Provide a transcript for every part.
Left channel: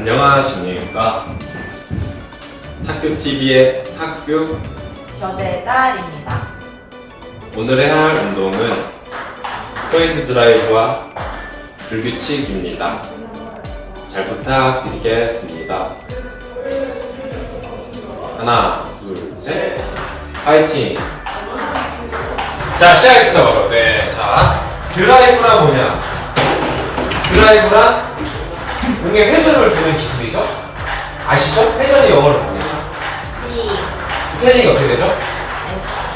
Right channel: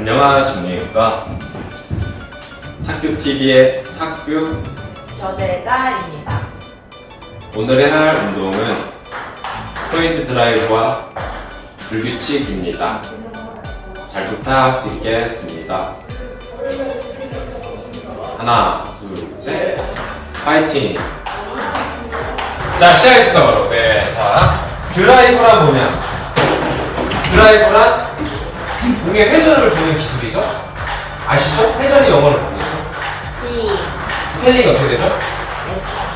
안녕하십니까. 탁규TV의 탁규. 여제자입니다. 오늘의 할 운동은 포인트 드라이브와 불규칙입니다. 잘 부탁드리겠습니다. 하나, 둘, 셋. 파이팅! 자, 시작했습니다, 바로. 네, 자. 드라이브란 뭐냐? 드라이브란 공에 회전을 주는 기술이죠? 아시죠? 회전이 영어로? C 스펠링이 어떻게 되죠? S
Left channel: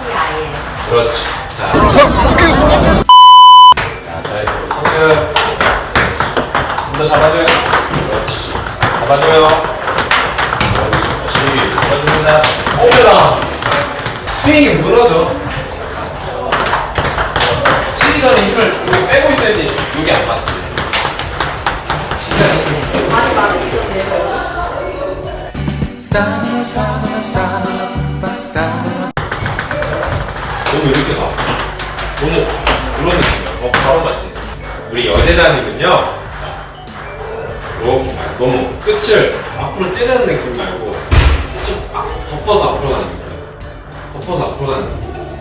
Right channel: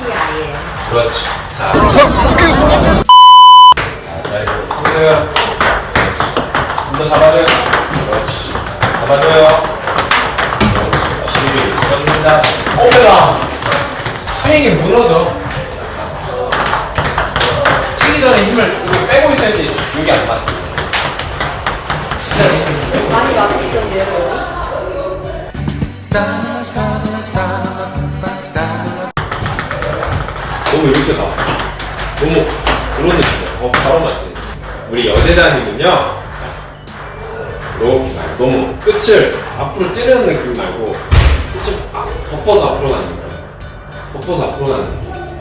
P I L. 그렇지. 자. 자, 자, 이거 방금 좀더 잡아줘요. 그렇지. 잡아줘요. 다시 잡아줍니다. 오메라. 스윙이 무너져. Stalla, stalla, stalla, pappa, stalla. 너무 이렇게 가. 너무 그런 느낌이야. 어, 바로 맞지. 우리. 자, 이렇게 가요. 너무 끝을 앞으로 찌르는 느낌 말고 끝을 아, 덮어서 앞으로 가는 느낌. 덮어서 앞으로 가는 느낌.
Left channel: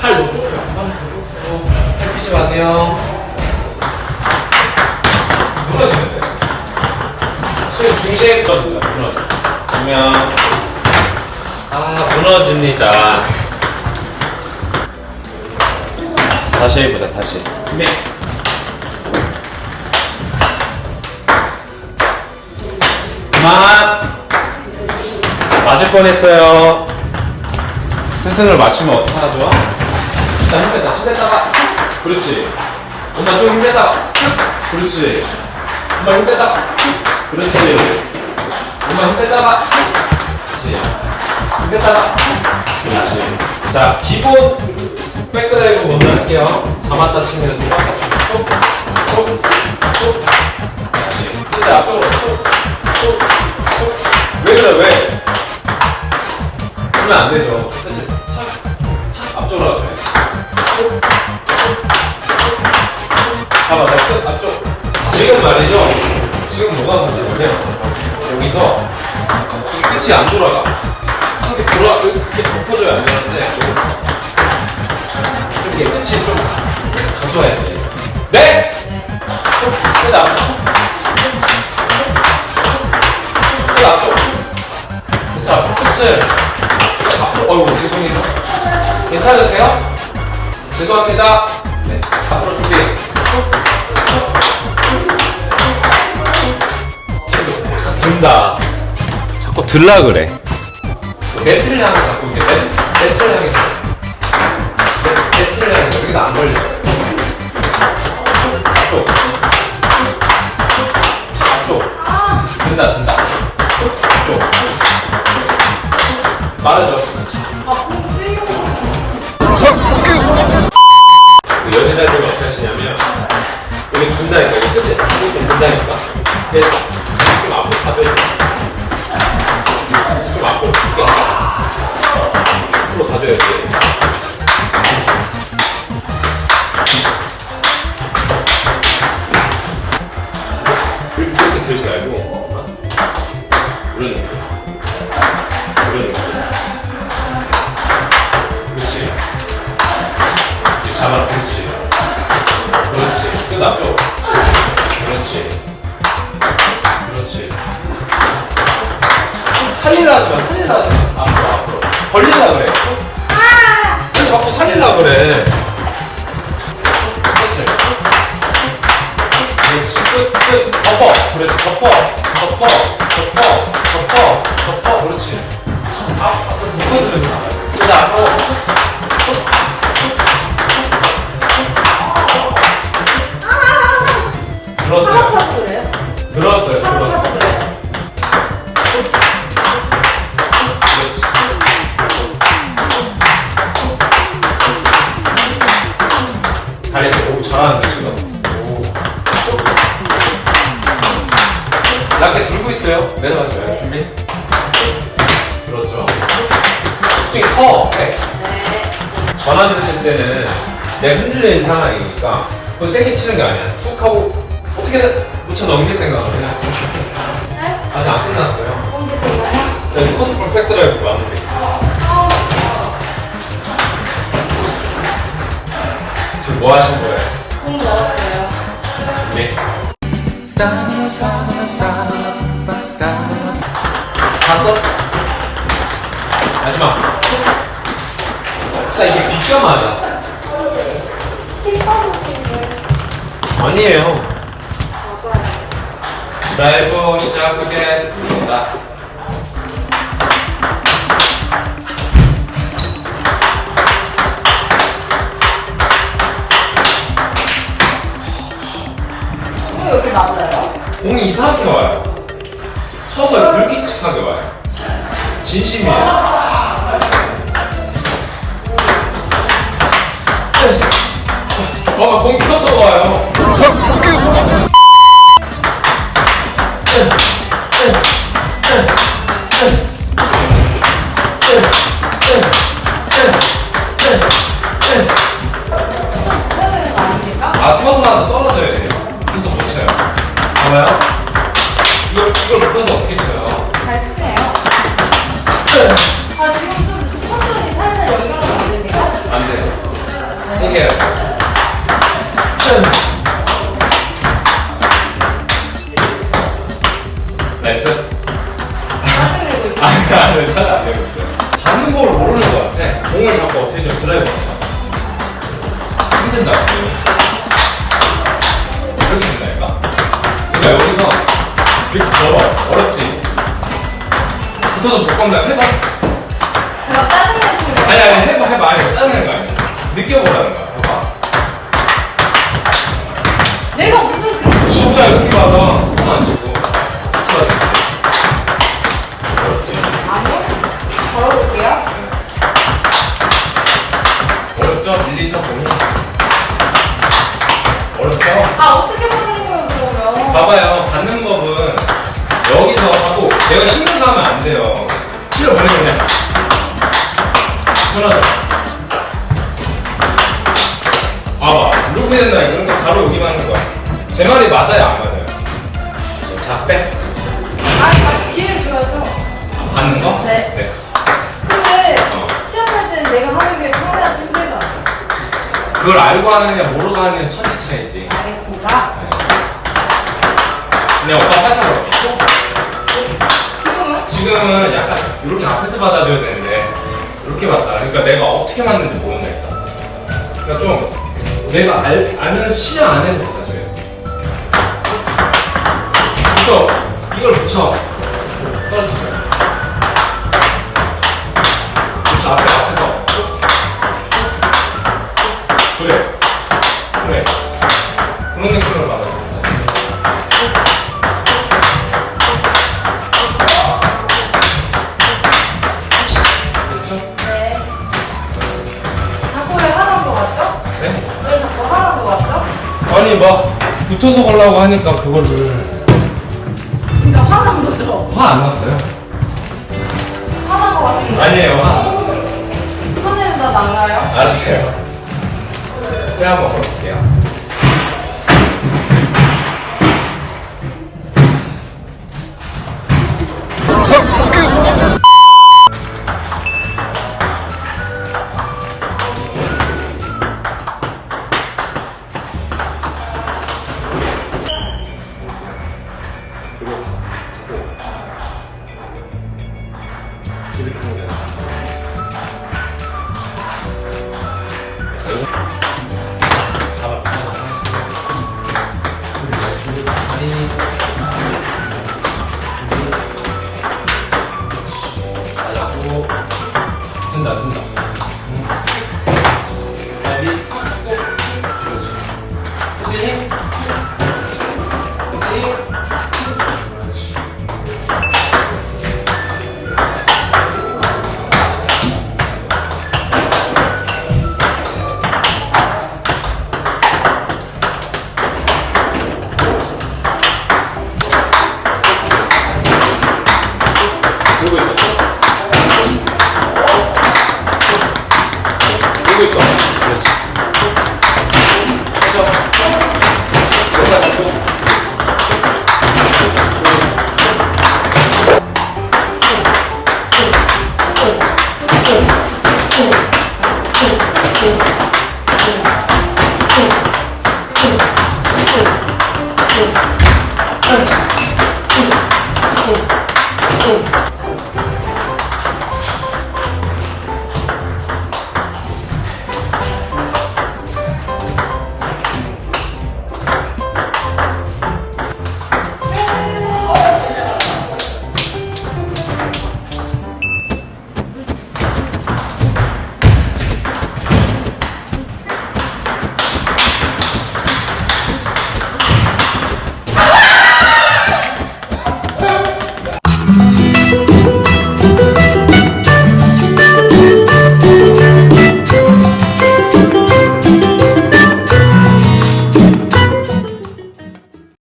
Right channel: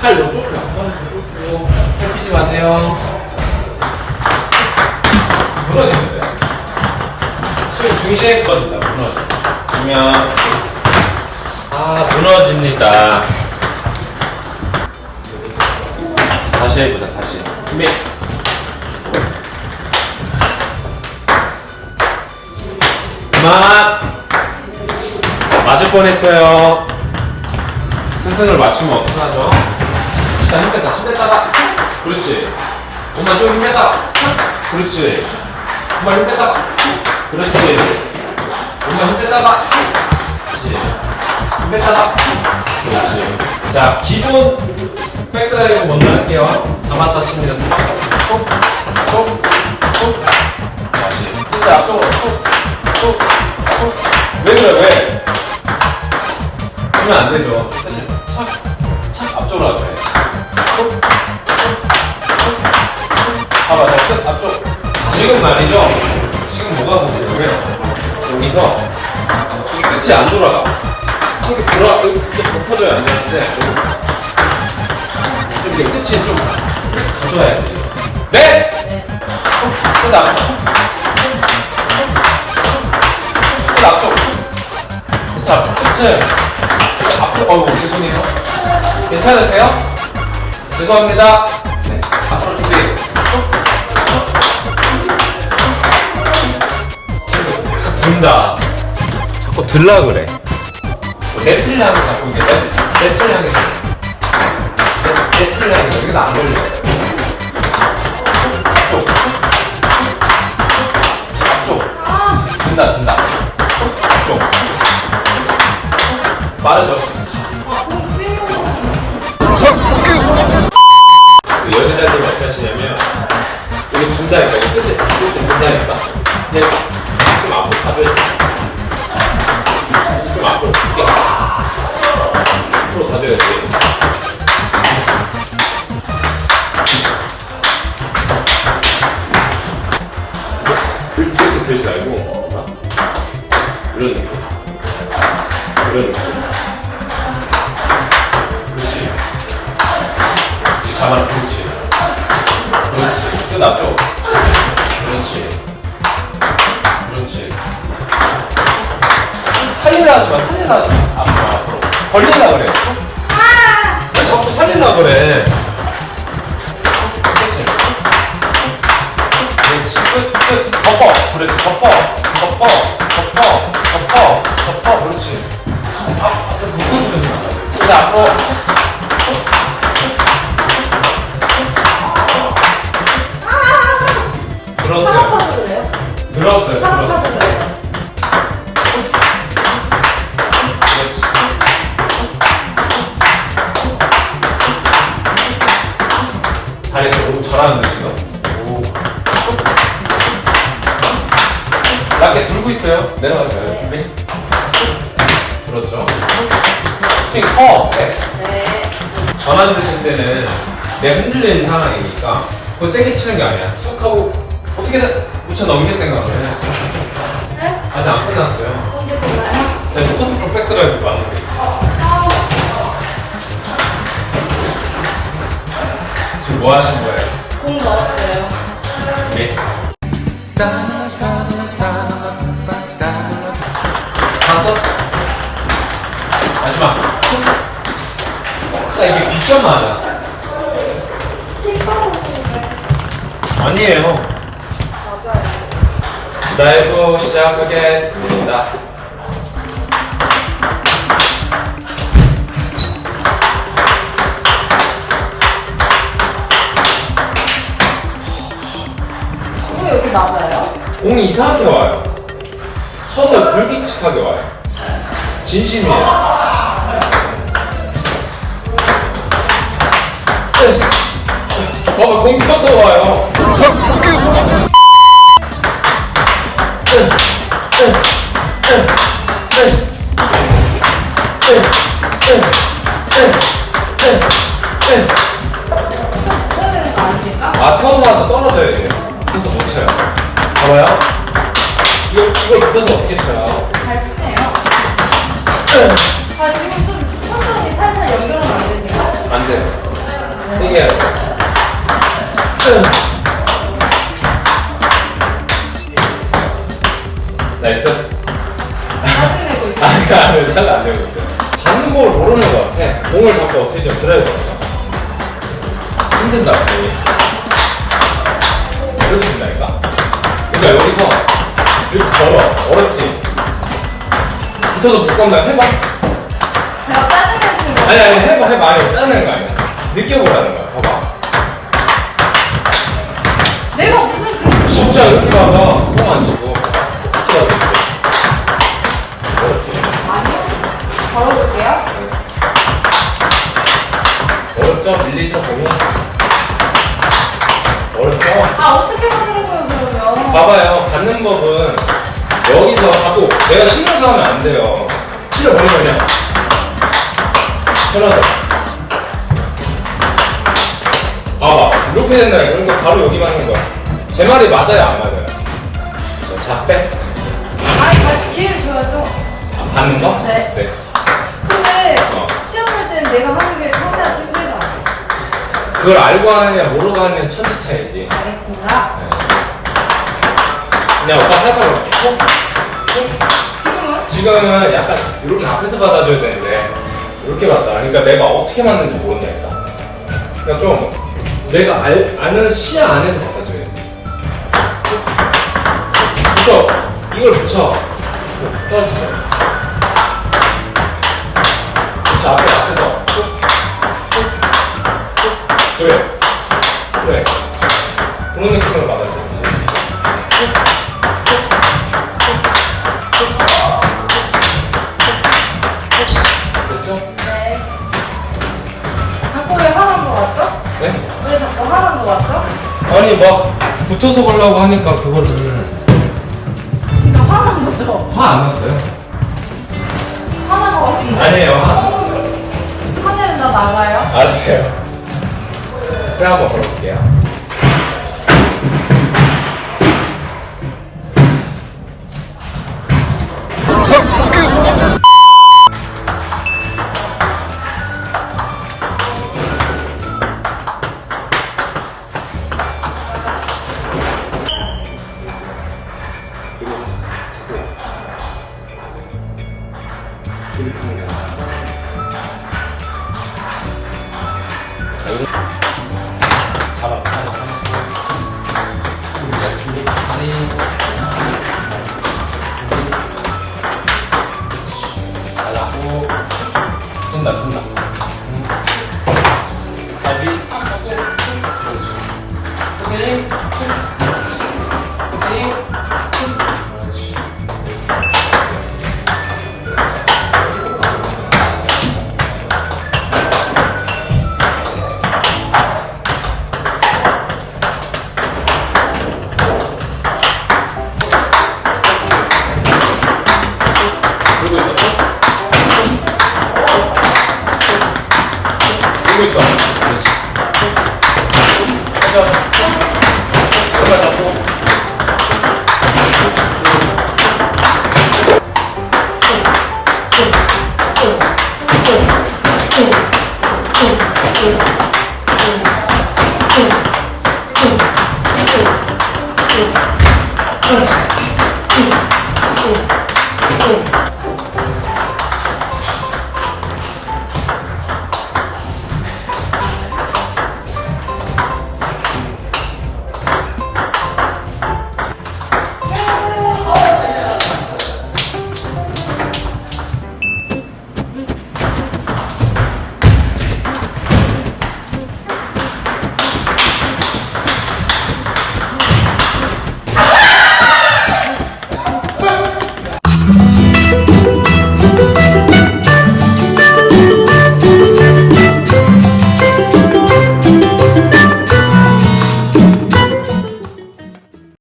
팔 너무 좁게 약간 주고 팔 피지 마세요. 무너지는데? 수영 중재했거든요. 무너져. 그러면 아 무너집니다. 다시 해보자, 다시. 준비. 그만. 맞을 뻔했어요. 스승을 맞추면 어떡하죠? 자, 힘들다. 힘들다가. 그렇지. 엄마 좀 힘들다가. 그렇지. 엄마 힘들다가. 그렇지. 그렇지. 힘들다가. 그렇지. 자, 기본 백드라이브 먼저 할게요. 잡았다 연습. 톡, 톡, 톡. 다시. 근데 앞쪽으로 톡, 톡, 톡. 왜 그래, 왜? 그러면 안 되죠. 착, 앞쪽으로 톡. 잡아, 자, 끝, 앞쪽. 지금 말이죠. 지금 뭐가 문제냐면, 이 끝이 안 돌아가. 이렇게 돌아, 이렇게 덮어줘야 안 되는데, 이렇게 끝이 좀 가져와야지. 네? 끝 앞쪽. 끝 앞쪽. 자, 끝을 앞으로, 어이구, 죄송해요. 괜찮으세요? 죄송합니다. 든다. 자꾸 들라 그래. 멘트를 향해 자꾸 이게 멘- 멘트를 향해서. 멘트를 향해서 여기다 안 걸려. 앞쪽. 앞쪽. 든다, 든다. 앞쪽. 빠르죠? 이런 느낌. 그렇지. 이렇게 잡아, 그렇지. 그렇지. 끝 앞쪽. 그렇지. 그렇지. 살리라 하지 마, 살리라 하지 마. 앞으로, 앞으로. 벌리라 그래. 왜 자꾸 살리라 그래. 그렇지. 그렇지. 끝, 끝. 덮어. 그렇지. 덮어. 덮어. 나가요. 갑자기 커. 네. 전화를 칠 때는 내 흔들리는 상황이니까 그걸 세게 치는 게 아니야. 쭉 하고 어떻게든 붙여 넘길 생각을 해. 아직 안 끝났어요. 자, 이제 커트볼 백드라이브 마무리. 지금 뭐 하신 거예요? 예. 스타들라 스타들라 스타들라 스타들라 다섯. 마지막. 나 이게 빗점 맞아. 아니에요. 라이브 시작하겠습니다. 어, 여기 맞아요? 공이 이상하게 와요. 서서 불규칙하게 와요. 진심이에요. 봐봐, 공 켜서 와요. 아, 펴서 와서 떨어져야 돼요. 펴서 못 쳐요. 봐봐요. 이걸, 이걸 펴서 어떻게 쳐요? 잘 치네요. 나이스. 안 돼. 잘안 되고 있어요. 받는 걸 모르는 것 같아. 공을 잡고 어떻게 좀 드라이브 할까? 힘든다, 공이. 이렇게 된다니까? 그러니까 여기서 이렇게 걸어. 어렵지? 붙어서 볼 건가? 해봐. 제가 짜증내시는 거 아니. 아니, 봐봐요. 받는 법은 여기서 하고 내가 신경도 하면 안 돼요. 실려 버리면 그냥 편하죠. 봐봐. 이렇게 된다. 이런 거 바로 여기 맞는 거야. 제 말이 맞아요, 안 맞아요? 자, 빼. 아니, 다시 기회를 줘야죠. 받는 거? 네. 근데 어. 시험할 때는 내가 하는 게 카메라 힘들잖아. 그걸 알고 하느냐 모르고 하느냐 천지 차이지. 알겠습니다. 그냥 오빠 살살 걸어. 지금은? 지금은 약간 이렇게 앞에서 받아줘야 되는데 이렇게 받잖아. 그러니까 내가 어떻게 맞는지 모른다니까. 그러니까 좀 내가 알, 아는 시야 안에서 받아줘야 돼. 그래서 이걸 붙여. 떨어지죠. 붙여 앞에 앞에서. 그래. 그래. 그런 느낌으로 받아줘. 아니 막 붙어서 가려고 하니까 그거를 그러니까 화난 거죠? 화 안 났어요? 화난 거 같은데. 아니에요 화 안 났어요 하늘 나 나가요? 알았어요 때 한번 걸어볼게요